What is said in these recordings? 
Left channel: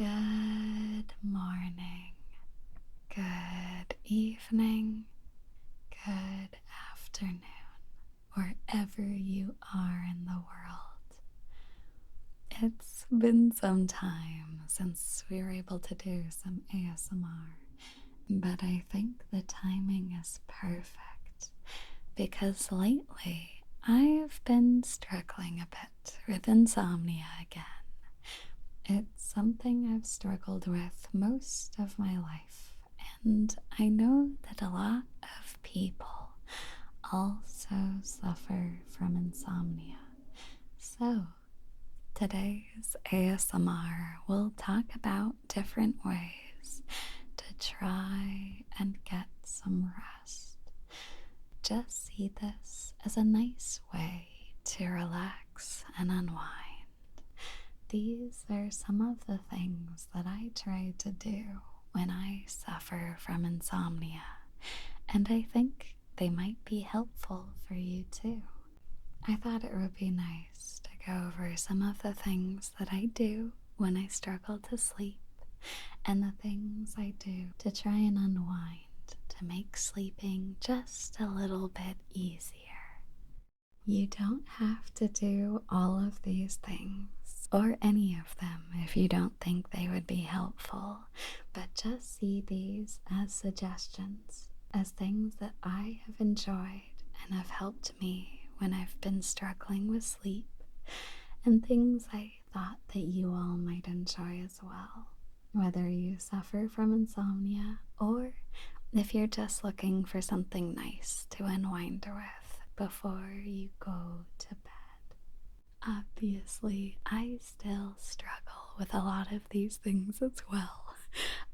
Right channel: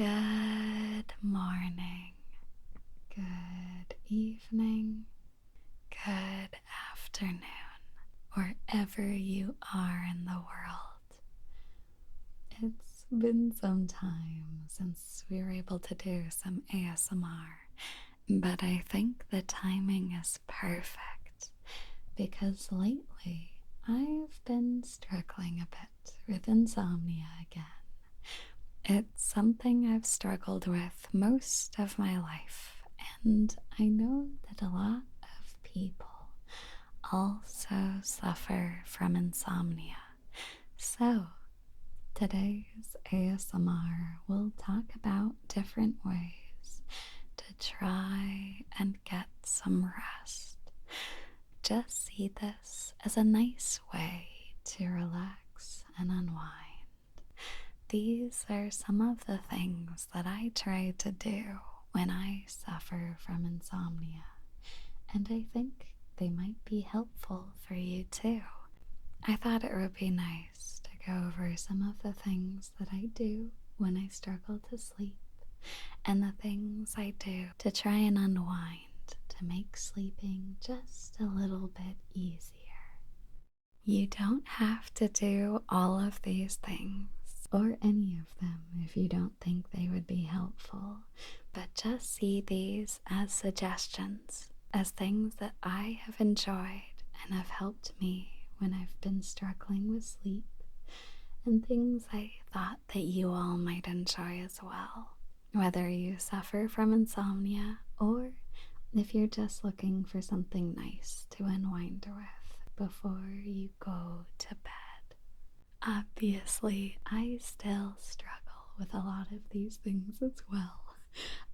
Good morning, good evening, good afternoon, wherever you are in the world. It's been some time since we were able to do some ASMR, but I think the timing is perfect because lately I've been struggling a bit with insomnia again. It's something I've struggled with most of my life, and I know that a lot of people also suffer from insomnia. So, today's ASMR will talk about different ways to try and get some rest. Just see this as a nice way to relax and unwind. These are some of the things that I try to do when I suffer from insomnia, and I think they might be helpful for you too. I thought it would be nice to go over some of the things that I do when I struggle to sleep, and the things I do to try and unwind to make sleeping just a little bit easier. You don't have to do all of these things or any of them if you don't think they would be helpful, but just see these as suggestions, as things that I have enjoyed and have helped me when I've been struggling with sleep, and things I thought that you all might enjoy as well, whether you suffer from insomnia or if you're just looking for something nice to unwind with before you go to bed. Obviously, I still struggle with a lot of these things as well.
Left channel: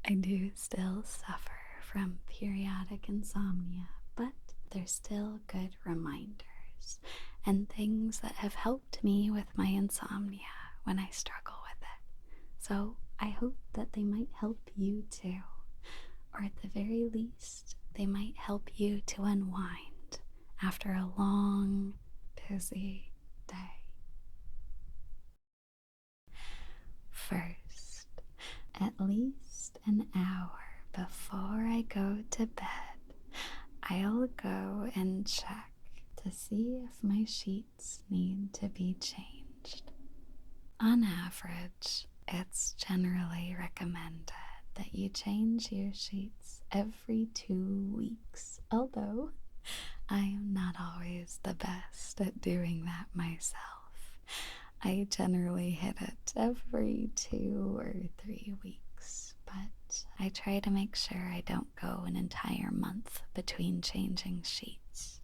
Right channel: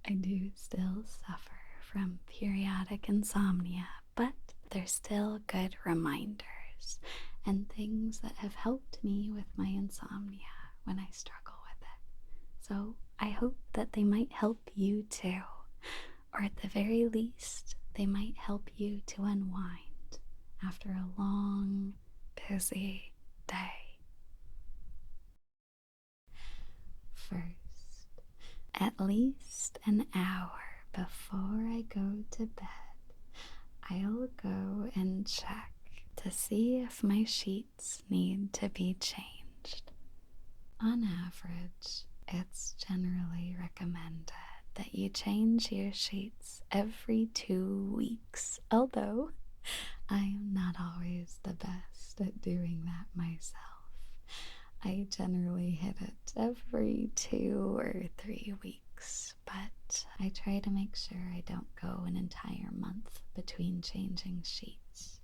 I do still suffer from periodic insomnia, but they're still good reminders and things that have helped me with my insomnia when I struggle with it. So I hope that they might help you too, or at the very least, they might help you to unwind after a long, busy day. First, at least an hour before I go to bed, I'll go and check to see if my sheets need to be changed. On average, it's generally recommended that you change your sheets every 2 weeks, although I am not always the best at doing that myself. I generally hit it every 2 or 3 weeks, but I try to make sure I don't go an entire month between changing sheets.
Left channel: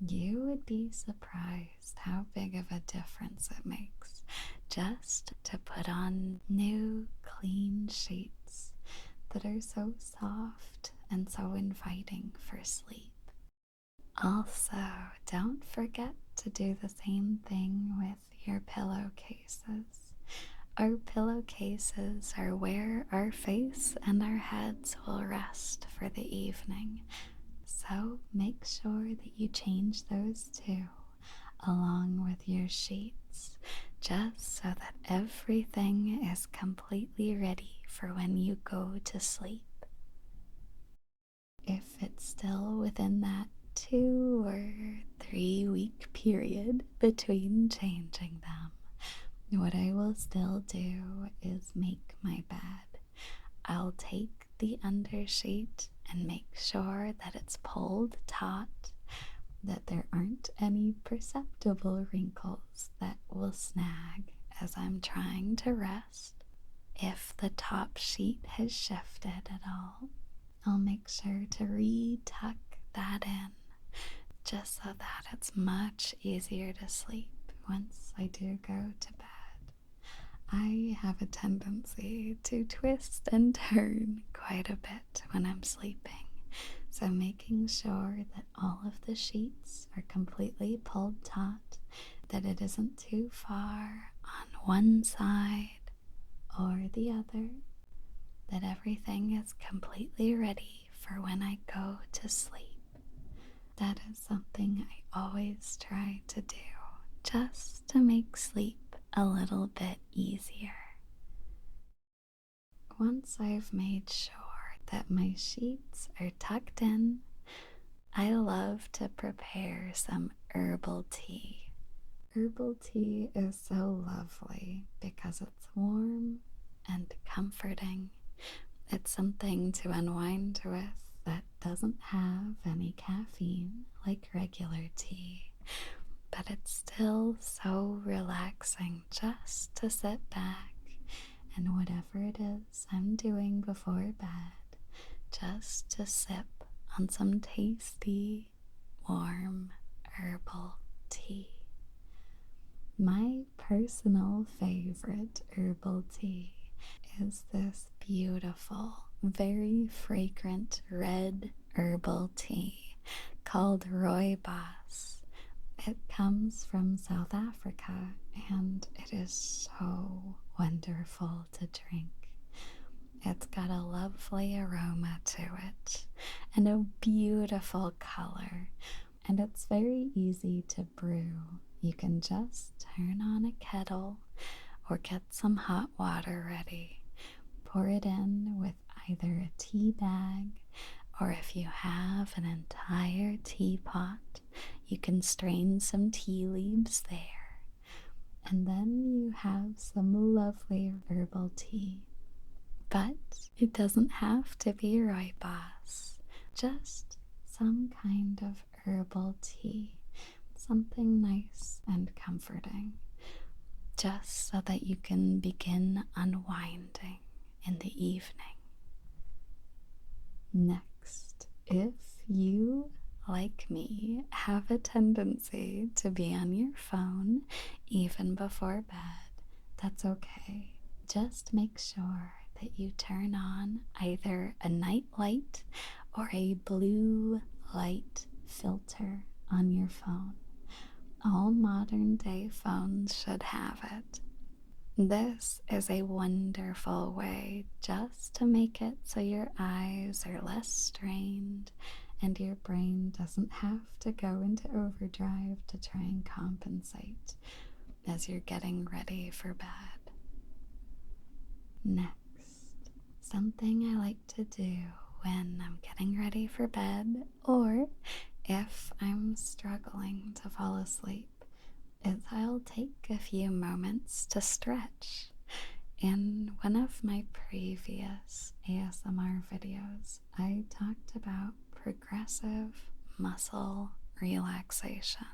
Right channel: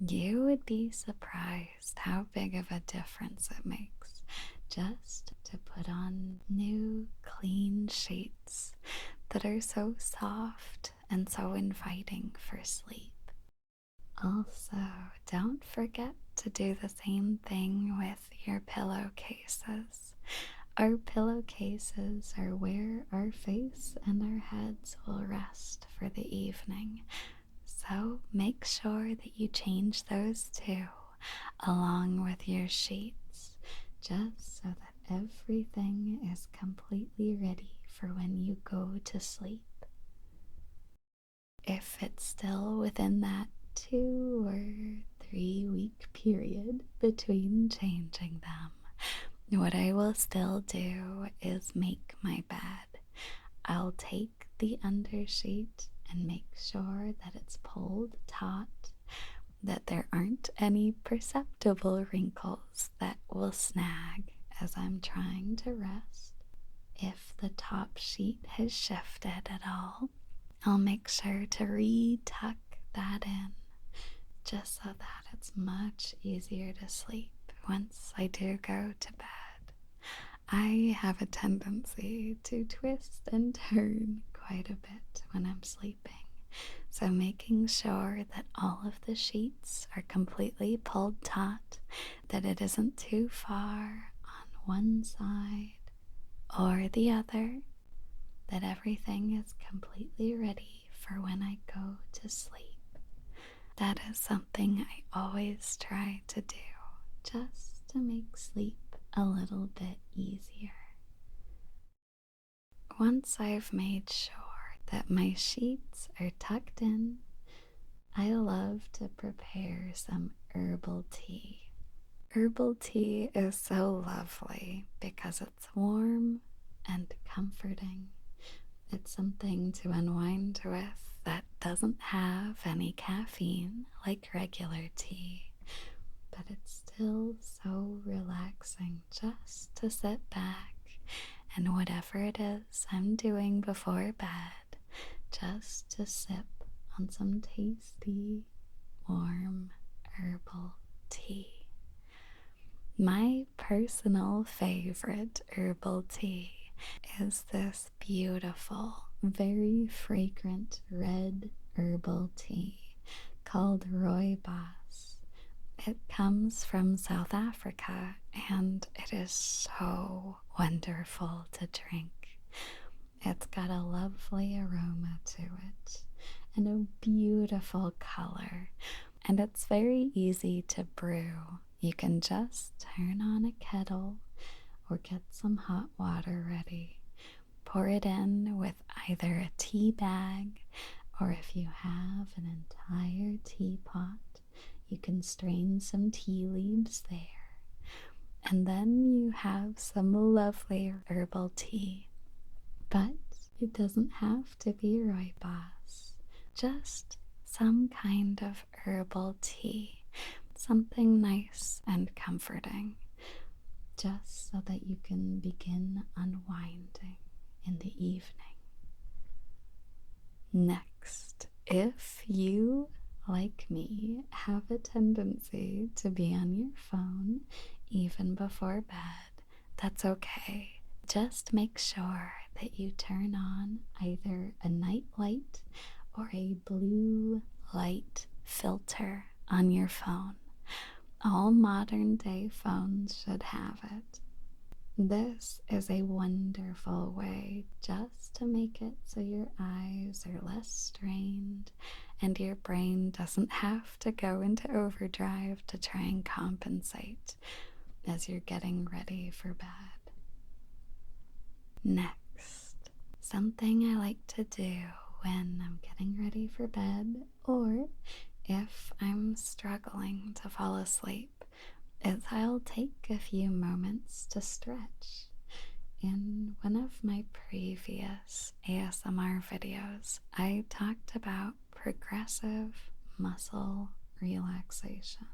You would be surprised how big of a difference it makes just to put on new, clean sheets that are so soft and so inviting for sleep. Also, don't forget to do the same thing with your pillowcases. Our pillowcases are where our face and our heads will rest for the evening, so make sure that you change those too, along with your sheets, just so that everything is completely ready for when you go to sleep. If it's still within that 2 or 3 week period between changing them, what I will still do is make my bed. I'll take the undersheet and make sure that it's pulled taut, that there aren't any perceptible wrinkles that will snag as I'm trying to rest. If the top sheet has shifted at all, I'll make sure to re-tuck that in, just so that it's much easier to sleep once I do go to bed. I have a tendency to twist and turn quite a bit when I'm sleeping, so making sure that all of the sheets are completely pulled taut, that it isn't too far on one side or the other, that everything is completely ready for when I go to sleep. That is something I always try to do, just to make sleep a little bit easier. once I've made sure that my sheets are tucked in, I love to prepare some herbal tea. Herbal tea is so lovely because it's warm and comforting. It's something to unwind with that doesn't have any caffeine like regular tea, but it's still so relaxing just to sit back and whatever it is I'm doing before bed, just to sip on some tasty, warm herbal tea. My personal favorite herbal tea is this beautiful, very fragrant red herbal tea called rooibos. It comes from South Africa and it is so wonderful to drink. It's got a lovely aroma to it and a beautiful color, and it's very easy to brew. You can just turn on a kettle or get some hot water ready. Pour it in with either a tea bag, or if you have an entire teapot, you can strain some tea leaves there. And then you have some lovely herbal tea. But it doesn't have to be rooibos, just some kind of herbal tea, something nice and comforting, just so that you can begin unwinding in the evening. Next, if you, like me, have a tendency to be on your phone even before bed, that's okay. Just make sure that you turn on either a night light or a blue light filter on your phone. All modern day phones should have it. This is a wonderful way just to make it so your eyes are less strained and your brain doesn't have to go into overdrive to try and compensate as you're getting ready for bed. Next, something I like to do when I'm getting ready for bed, or if I'm struggling to fall asleep, is I'll take a few moments to stretch. In one of my previous ASMR videos, I talked about progressive muscle relaxation.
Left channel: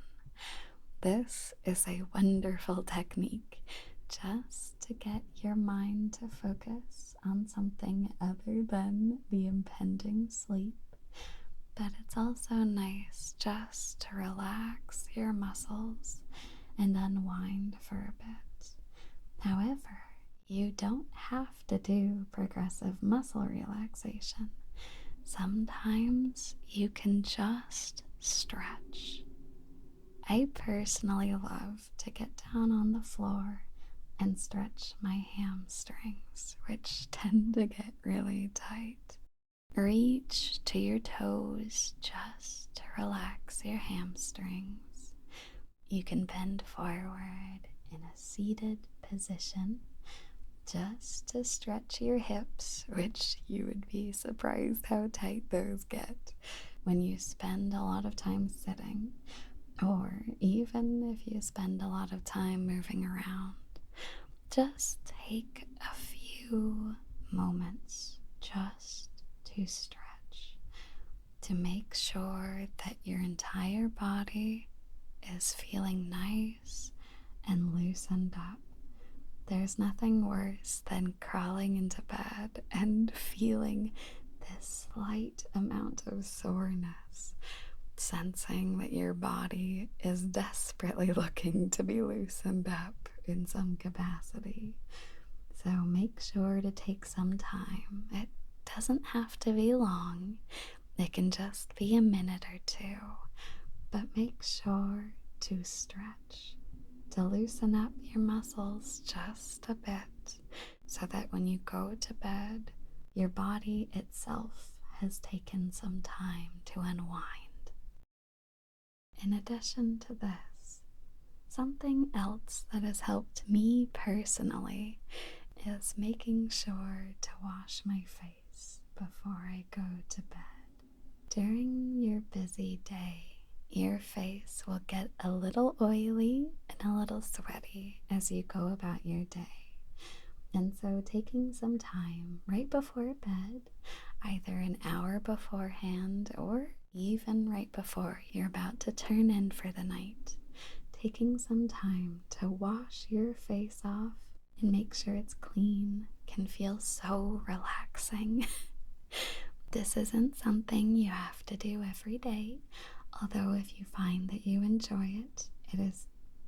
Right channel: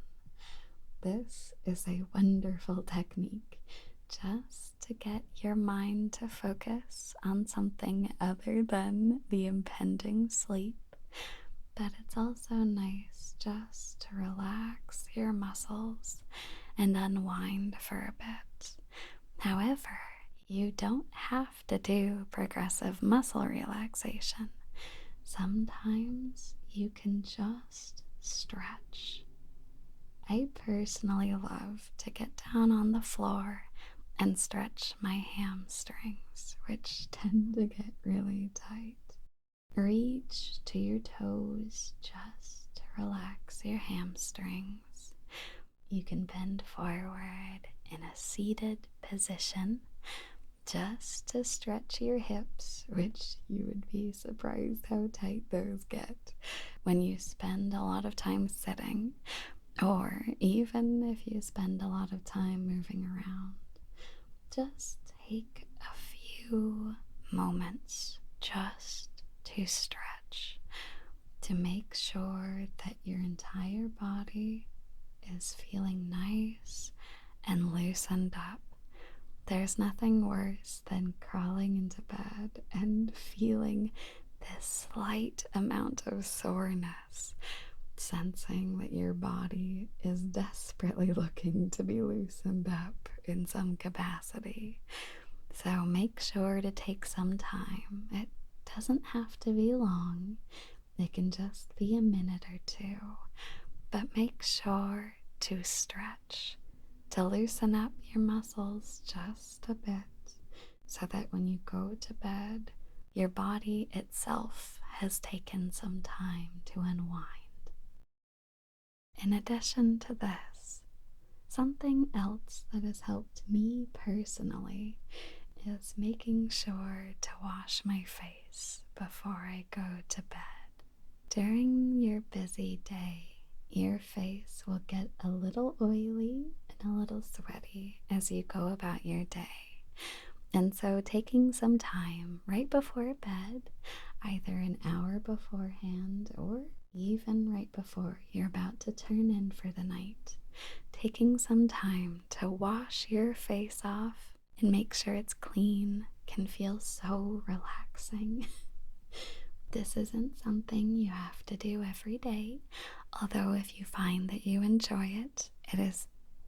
This is a wonderful technique just to get your mind to focus on something other than the impending sleep. But it's also nice just to relax your muscles and unwind for a bit. However, you don't have to do progressive muscle relaxation. Sometimes you can just stretch. I personally love to get down on the floor and stretch my hamstrings, which tend to get really tight. Reach to your toes just to relax your hamstrings. You can bend forward in a seated position just to stretch your hips, which you would be surprised how tight those get when you spend a lot of time sitting, or even if you spend a lot of time moving around. Just take a few moments just to stretch, to make sure that your entire body is feeling nice and loosened up. There's nothing worse than crawling into bed and feeling this slight amount of soreness, sensing that your body is desperately looking to be loosened up in some capacity. So make sure to take some time. It doesn't have to be long. It can just be a minute or two. But make sure to stretch, to loosen up your muscles just a bit, so that when you go to bed, your body itself has taken some time to unwind. In addition to this, something else that has helped me personally is making sure to wash my face before I go to bed. During your busy day, your face will get a little oily and a little sweaty as you go about your day. And so taking some time right before bed, either an hour beforehand or even right before you're about to turn in for the night, taking some time to wash your face off and make sure it's clean can feel so relaxing. This isn't something you have to do every day, although if you find that you enjoy it, it is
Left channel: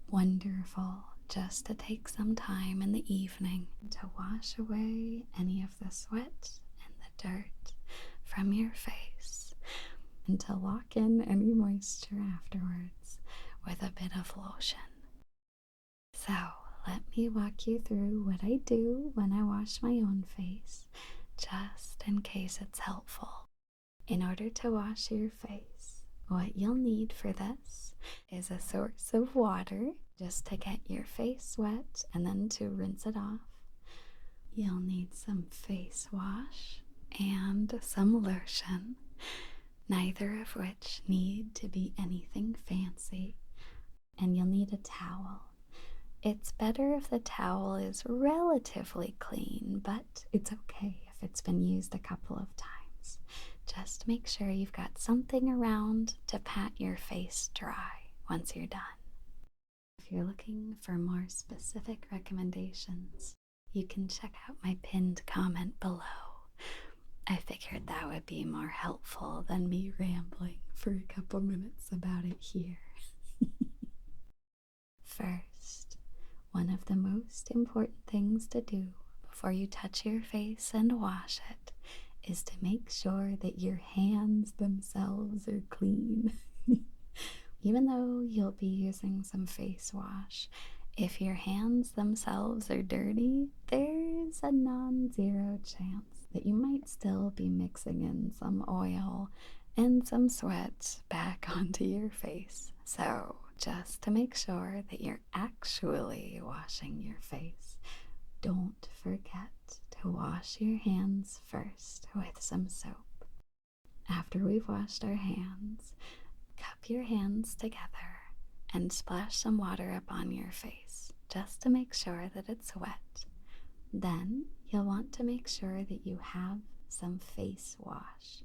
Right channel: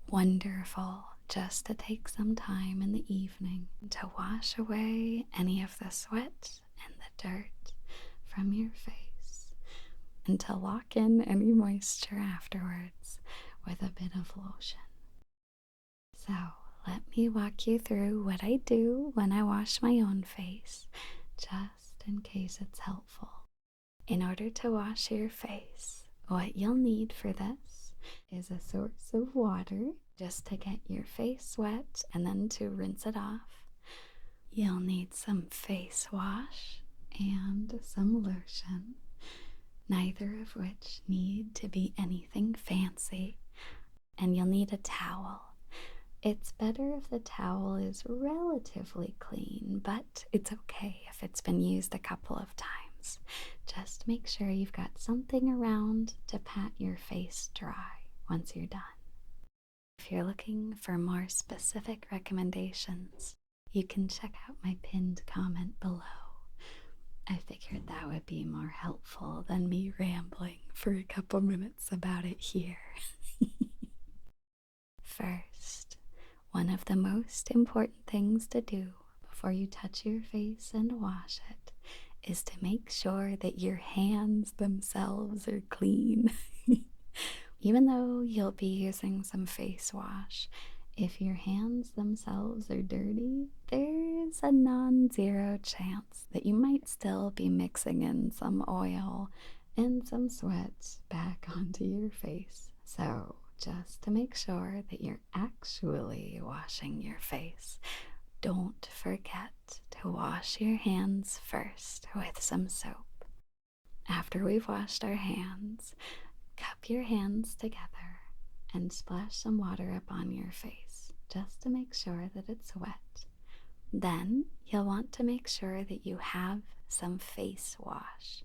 wonderful just to take some time in the evening to wash away any of the sweat and the dirt from your face and to lock in any moisture afterwards with a bit of lotion. So let me walk you through what I do when I wash my own face, just in case it's helpful. In order to wash your face, what you'll need for this is a source of water just to get your face wet and then to rinse it off. You'll need some face wash and some lotion, neither of which need to be anything fancy. And you'll need a towel. It's better if the towel is relatively clean, but it's okay if it's been used a couple of times. Just make sure you've got something around to pat your face dry once you're done. If you're looking for more specific recommendations, you can check out my pinned comment below. I figured that would be more helpful than me rambling for a couple minutes about it here. First, one of the most important things to do before you touch your face and wash it is to make sure that your hands themselves are clean. Even though you'll be using some face wash, if your hands themselves are dirty, there's a non-zero chance that you might still be mixing in some oil and some sweat back onto your face. So just to make sure that you're actually washing your face, don't forget to wash your hands first with some soap. After we've washed our hands, cup your hands together and splash some water up on your face just to make sure that it's wet. Then you'll want to make sure that you have some face wash.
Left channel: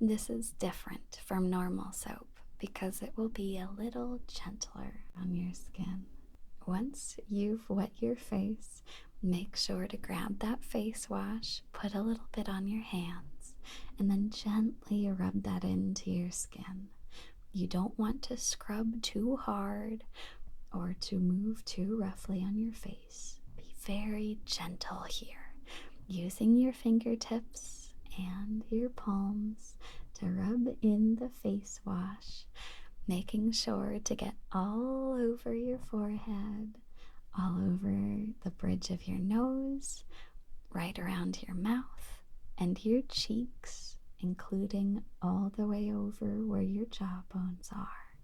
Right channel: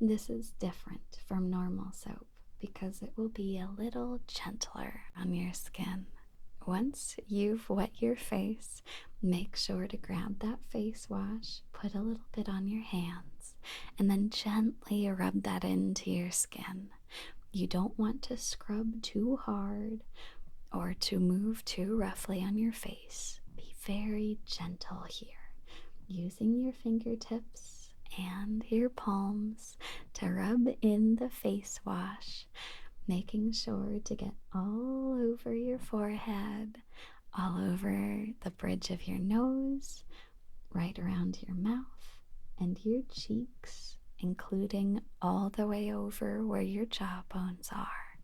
This is different from normal soap because it will be a little gentler on your skin. Once you've wet your face, make sure to grab that face wash, put a little bit on your hands, and then gently rub that into your skin. You don't want to scrub too hard or to move too roughly on your face. Be very gentle here, using your fingertips and your palms to rub in the face wash, making sure to get all over your forehead, all over the bridge of your nose, right around your mouth, and your cheeks, including all the way over where your jawbones are.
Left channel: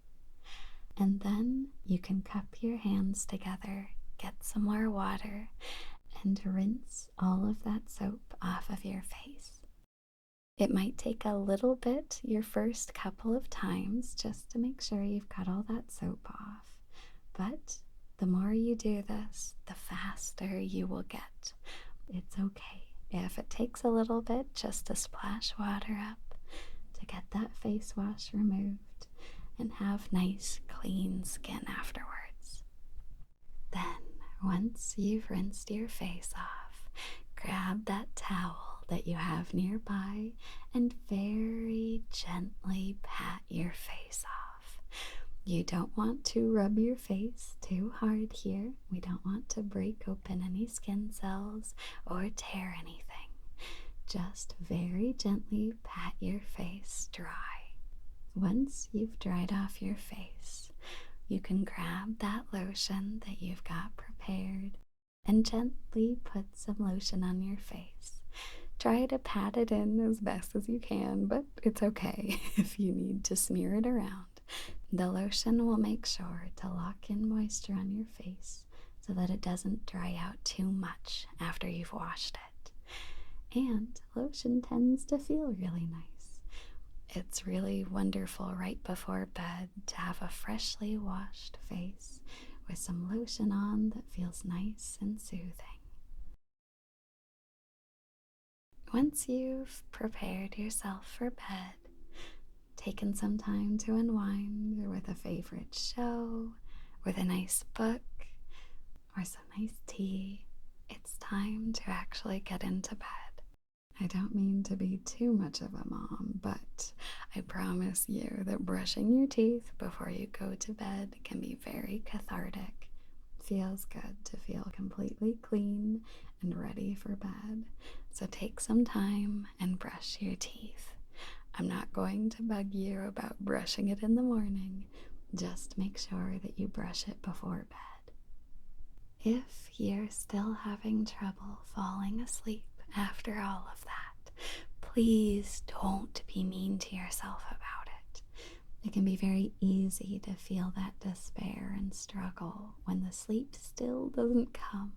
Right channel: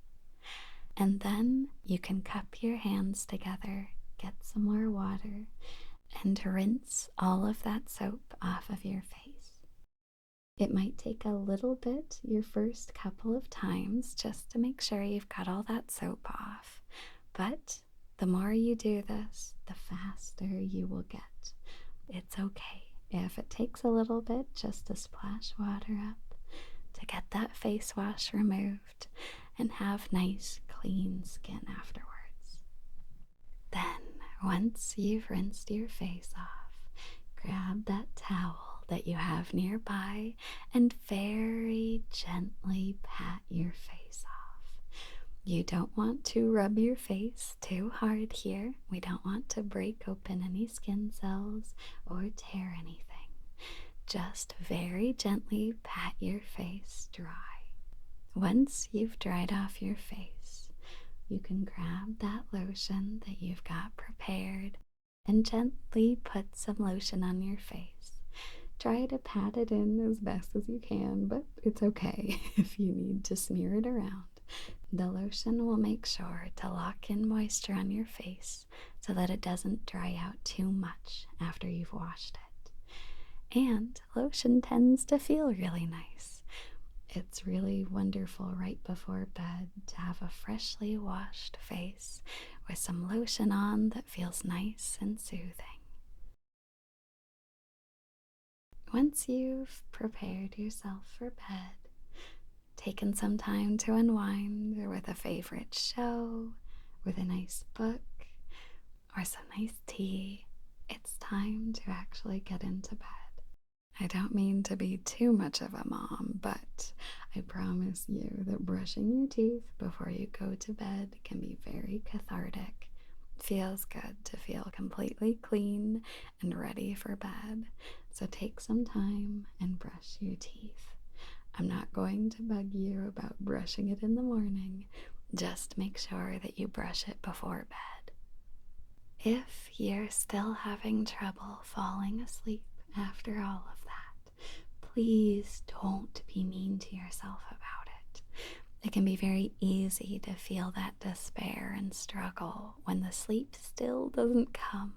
And then you can cup your hands together, get some more water, and rinse all of that soap off of your face. It might take a little bit your first couple of times just to make sure you've got all that soap off, but the more you do this, the faster you will get. It's okay if it takes a little bit just to splash water up to get that face wash removed and have nice clean skin afterwards. Then, once you've rinsed your face off, grab that towel that you have nearby and very gently pat your face off. You don't want to rub your face too hard here. We don't want to break open any skin cells or tear anything. Just very gently pat your face dry. Once you've dried off your face, you can grab that lotion that you've got prepared and gently put some lotion on your face. Try to pat it in as best as you can, but it's okay if you need to smear it around. The lotion will make sure to lock in moisture on your face so that it doesn't dry out too much after you've washed it. And lotion tends to feel really nice. It's really wonderful right before bed to have a freshly washed face with some lotion on that feels nice and soothing. Once you've prepared yourself for bed, taken some time to unwind with a favorite show, with a nice book, or some nice tea, it's time to actually get into bed. I don't mean to be too much of a mom, but I promise you that brushing your teeth before you go to bed can be very cathartic. It feels good to feel completely clean and ready for bed. So take some time and brush your teeth. I'm not going to bug you about brushing it in the morning. Just make sure that you brush it before bed. If you're still having trouble falling asleep after all of that, please don't be mean to yourself about it. It can be very easy to feel that despair and struggle when the sleep still doesn't come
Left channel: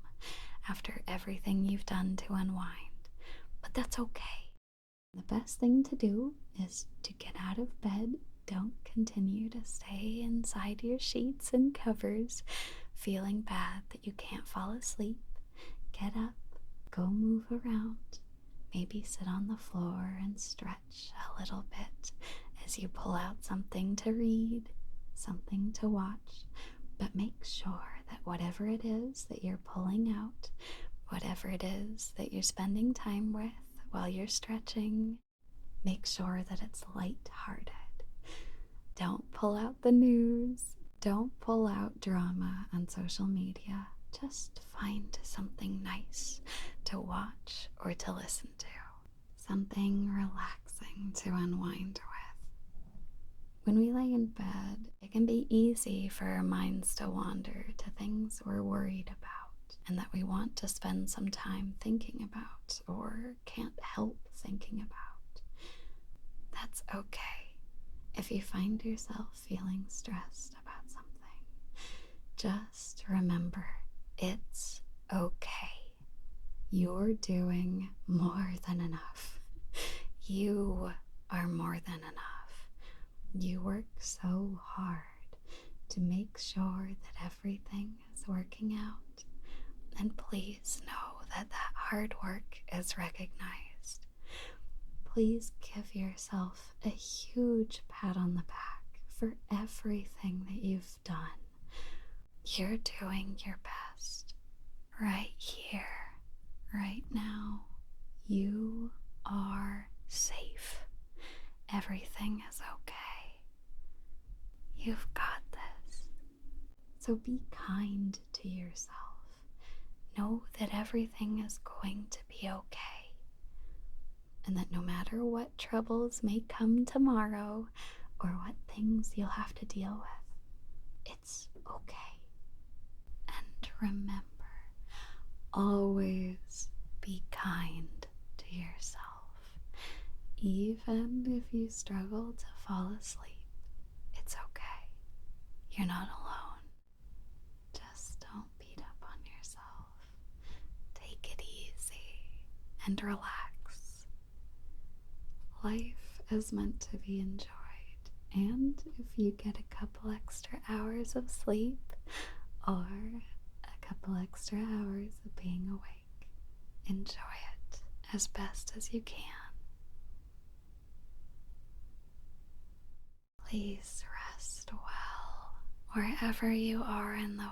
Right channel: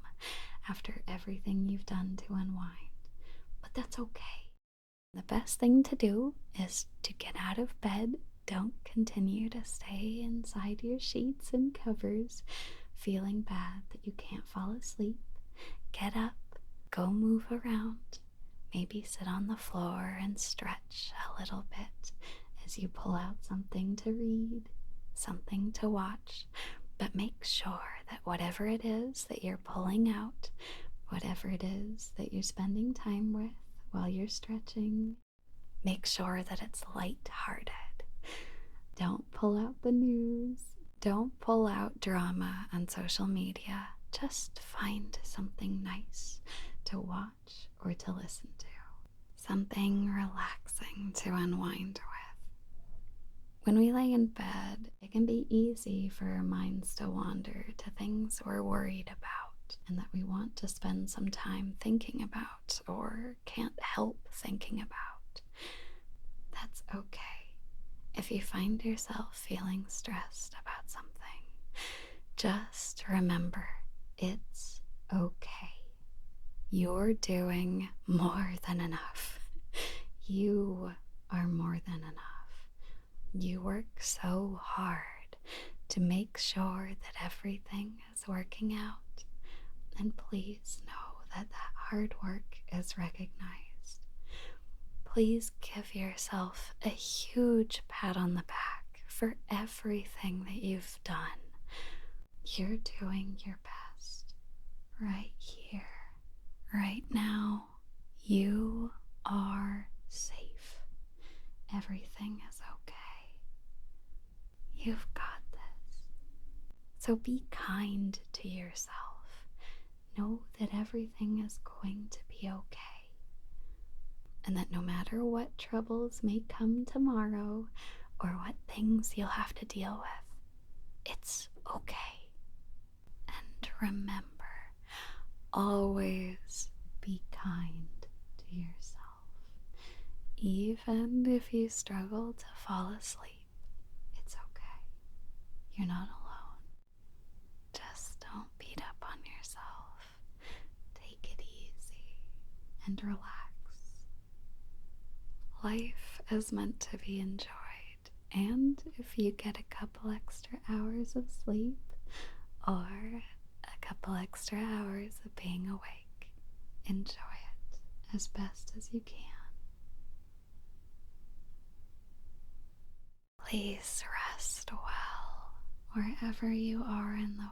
after everything you've done to unwind. But that's okay. The best thing to do is to get out of bed. Don't continue to stay inside your sheets and covers feeling bad that you can't fall asleep. Get up, go move around, maybe sit on the floor and stretch a little bit as you pull out something to read, something to watch, but make sure that whatever it is that you're pulling out, whatever it is that you're spending time with while you're stretching, make sure that it's light-hearted. Don't pull out the news. Don't pull out drama on social media. Just find something nice to watch or to listen to. Something relaxing to unwind with. When we lay in bed, it can be easy for our minds to wander to things we're worried about and that we want to spend some time thinking about or can't help thinking about. That's okay. If you find yourself feeling stressed about something, just remember, it's okay. You're doing more than enough. You are more than enough. You work so hard to make sure that everything is working out. And please know that that hard work is recognized. Please give yourself a huge pat on the back for everything that you've done. You're doing your best right here, right now. You are safe. Everything is okay. You've got this. So be kind to yourself. Know that everything is going to be okay. And that no matter what troubles may come tomorrow or what things you'll have to deal with, it's okay. And remember, always be kind to yourself. Even if you struggle to fall asleep, it's okay. You're not alone. Just don't beat up on yourself. Take it easy and relax. Life is meant to be enjoyed, and if you get a couple extra hours of sleep or a couple extra hours of being awake, enjoy it as best as you can. Please rest well wherever you are in the world.